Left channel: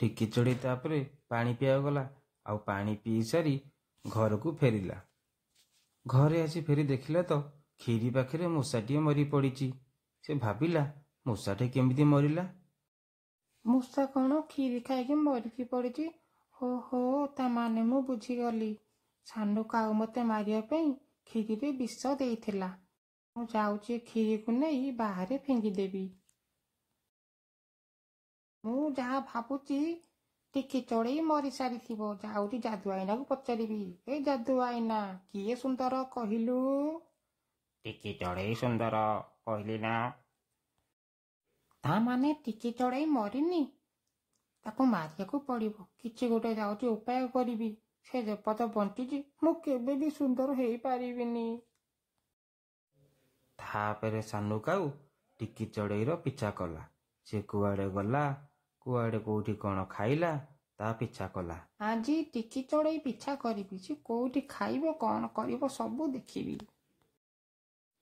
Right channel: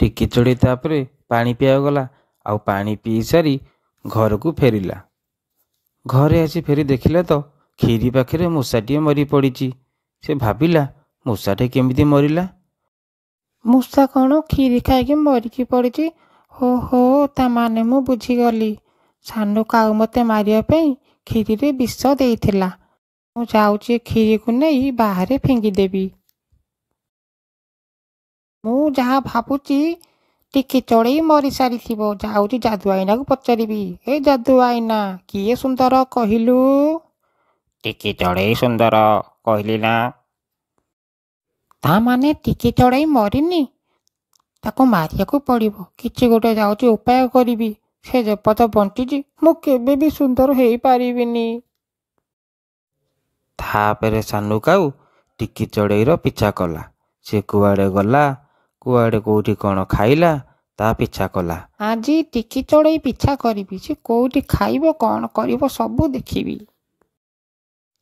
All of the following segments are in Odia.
ଟିକି ଚଢ଼େଇ ତାପରେ ପାଣି ପିଇବାକୁ ଗଲା। ଆଉ ପାଣି ପିଇ ସାରି ଘରକୁ ଫେରିଲା। ଘରେ ଆସି ଫେରି ଦେଖିଲା ତ କ୍ଷୀରି ପାଖରେ ମୂଷାଟିଏ ମରି ପଡ଼ିଛି। ସେ ଭାବିଲା ମୂଷାଟି କେମିତି ମରିଲା। ମୂଷା କ'ଣ କ୍ଷୀରି ଖାଇକି ମରିକି ପଡ଼ିଛି? ହୋ ହୋ, ତା ମାନେ ମୁଁ ବୁଝିଗଲି। ସାନୁ କାଉ ମୋତେ ମାରିବା ପାଇଁ କ୍ଷୀରିରେ ବିଷ ଦେଇଥିଲା। ମୁଁ ଯାଉଛି କ୍ଷୀରିକୁ ନେଇ ବାହାରେ ଫିଙ୍ଗିଦେବି। ମୁଁ ଯାହା ଭାବୁଛି ଟିକି ଚଢ଼େଇ ମରିସାରିଥିବ। ଯାଉଛି ଯାଦୁ ଆଇନାକୁ ପଚାରିବି। ଏ ଯାଦୁ ଆଇନା, କିଏ ସୁନ୍ଦର କହିଲୁ? ଟିକି ଚଢ଼େଇ ସୁନ୍ଦର କହିଲି ନା। ତା ମାନେ ଟିକି ଚଢ଼େଇ ମରିନି? ତାକୁ ମାରିବାକୁ ପଡ଼ିବ। କିଛି ଗୋଟେ ଯାଉଛି ଉପାୟ କରିବି। ସେ ଯେପର୍ଯ୍ୟନ୍ତ ବଞ୍ଚିଛି ମୁଁ କେବେ ବି ସୁନ୍ଦର ହେଇପାରିବିନି। ତାପରେ ସାନୁ କାଉ ଟିକି ଚଢ଼େଇର ପିଛା କଲା। ସେ କୁଆଡ଼େ ଗଲା, କୁଆଡ଼େ କେଉଁଠି କ'ଣ ଖାଇଲା, ତା ପିଛା କଲା। ଆଜି ଟିକି ଚଢ଼େଇ ପିଛା କରିବି। ସେ କେଉଁଠି ଖାଇବ, କ'ଣ କରିବ ସବୁ ଦେଖିବି।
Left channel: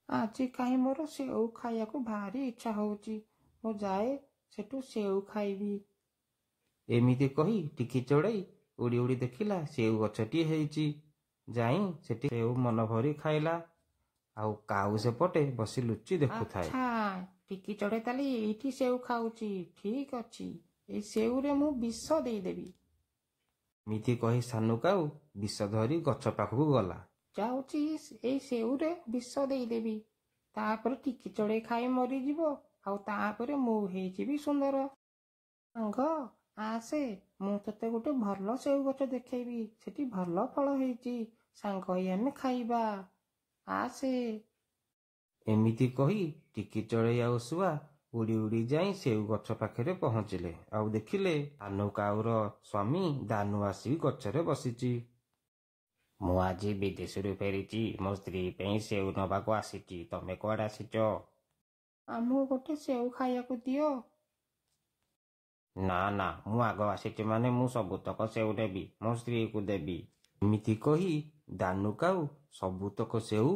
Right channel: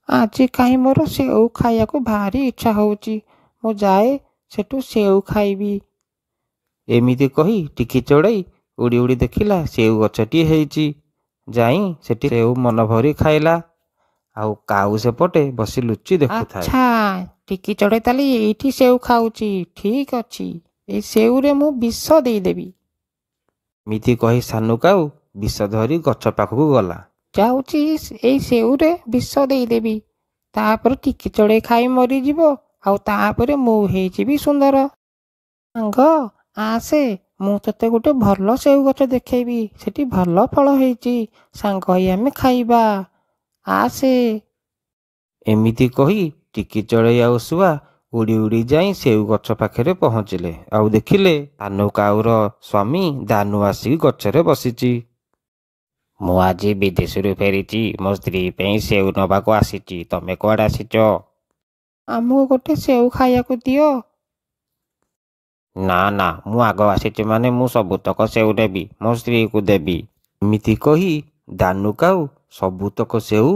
ଆଜି କାହିଁ ମୋର ସେଉ ଖାଇବାକୁ ଭାରି ଇଚ୍ଛା ହେଉଛି। ମୁଁ ଯାଏ ସେଠୁ ସେଉ ଖାଇବି। ଏମିତି କହି ଟିକି ଚଢ଼େଇ ଉଡ଼ି ଉଡ଼ି ଦେଖିଲା ସେଉ ଗଛଟିଏ ହେଇଛି। ଯାଇ ସେଠି ସେଉ ମନ ଭରି ଖାଇଲା। ଆଉ କାଉ ସେପଟେ ବସି ଲୁଚି ଦେଖୁଥାଏ। ଆଚ୍ଛା, ଟିକି ଚଢ଼େଇ ତାହେଲେ ଏଇଠି ସେଉ ଖାଉଛି। ଠିକ୍ ଅଛି, ଏଇ ସେଉରେ ମୁଁ ବିଷ ଦେଇଦେବି। ଏମିତି କହି ସାନୁ କାଉ ବିଷ ଧରି ଗଛ ପାଖକୁ ଗଲା। ଯାଉଛି ଏଇ ସେଉରେ ବିଷ ଦେଇଦେବି। ତାପରେ ଟିକି ଚଢ଼େଇ ଖାଇ ମରିଯିବ। ଆଉ ତାପରେ ମୁଁ ହେଇଯିବି ସୁନ୍ଦର। ସାଙ୍ଗ ଆସେ, ମୁଁ ତତେ ଗୋଟେ ଭଲ ସେଉ ଗଛ ଦେଖେଇବି। ସେଠି ଭଲ ଫଳ ହେଇଛି। ସାଙ୍ଗ ହେଇ ଆମେ ଖାଇବା। ଆସେ। ଏମିତି କହି ଟିକି ଚଢ଼େଇ ଆଉ ଶୁଆ ଉଡ଼ି ଉଡ଼ି ଯାଇ ସେଉ ଗଛ ପାଖରେ ପହଞ୍ଚିଲେ। ଆଉ ଦେଖିଲେ ସାନୁ କାଉର ସ୍ୱାମୀ ଦାନୁ ଆସିକି ଗଛରେ ବସିଛି। ମୁଁ ଆଜି ବିଦେଶରୁ ଫେରିଛି। ମୋ ସ୍ତ୍ରୀ ପାଇଁ ସେଉ ନେବାକୁ ଆସିଛି। ତମେ କୁଆଡ଼େ ଆସିଛ? ଆମକୁ ଗୋଟେ ସେଉ ଖାଇବାକୁ ଦିଅ। ନା ନା, ମୁଁ ଆଗ ଆସିଛି ମାନେ ମୁଁ ସବୁତକ ସେଉ ନେବି। ମୋ ସ୍ତ୍ରୀକୁ ଦେବି। ଏମିତି କହି ଦାନୁ କାଉ ସବୁତକ ସେଉ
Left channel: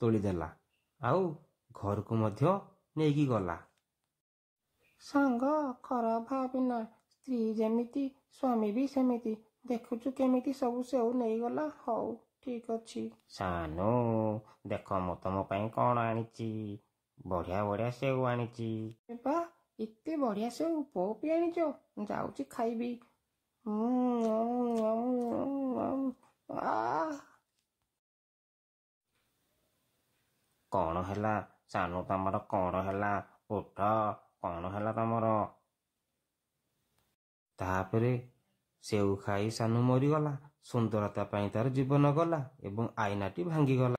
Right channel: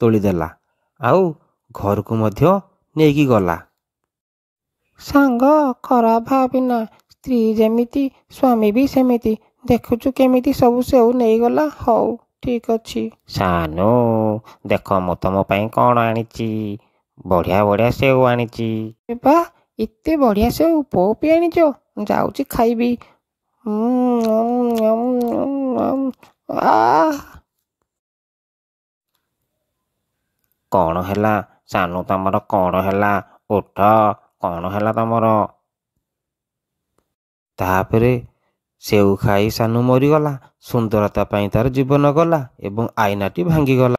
ତୋଳିଦେଲା। ଆଉ ଘରକୁ ମଧ୍ୟ ନେଇକି ଗଲା। ସାଙ୍ଗ ଖରାପ ଭାବିନା। ସ୍ତ୍ରୀ ଯେମିତି ସ୍ୱାମୀ ବି ସେମିତି। ଦେଖୁଛୁ କେମିତି ସବୁ ସେଉ ନେଇଗଲା। ହଉ ଠିକ୍ ଅଛି। ସାନୁ, ଦେଖ ମୁଁ ତମ ପାଇଁ କ'ଣ ଆଣିଛି। ବଢ଼ିଆ ବଢ଼ିଆ ସେଉ ଆଣିଛି। ଏ ବା, ଏତେ ବଢ଼ିଆ ସେଉ ବୋଉ ବି ଆଣିଛ? ଯାଉଛି ଖାଇବି। କ'ଣ ହେଲା ସାନୁ, ତମର କ'ଣ ହେଲା? ଉଠ, କ'ଣ ହେଲା ତମର? ତାପରେ ସେଉ ଖାଇ ସାନୁ ମରିଗଲା। ସୁନ୍ଦରତା ପାଇଁ ତାର ଜୀବନ ଗଲା ଏବଂ ଆଇନାଟି ଭାଙ୍ଗିଗଲା।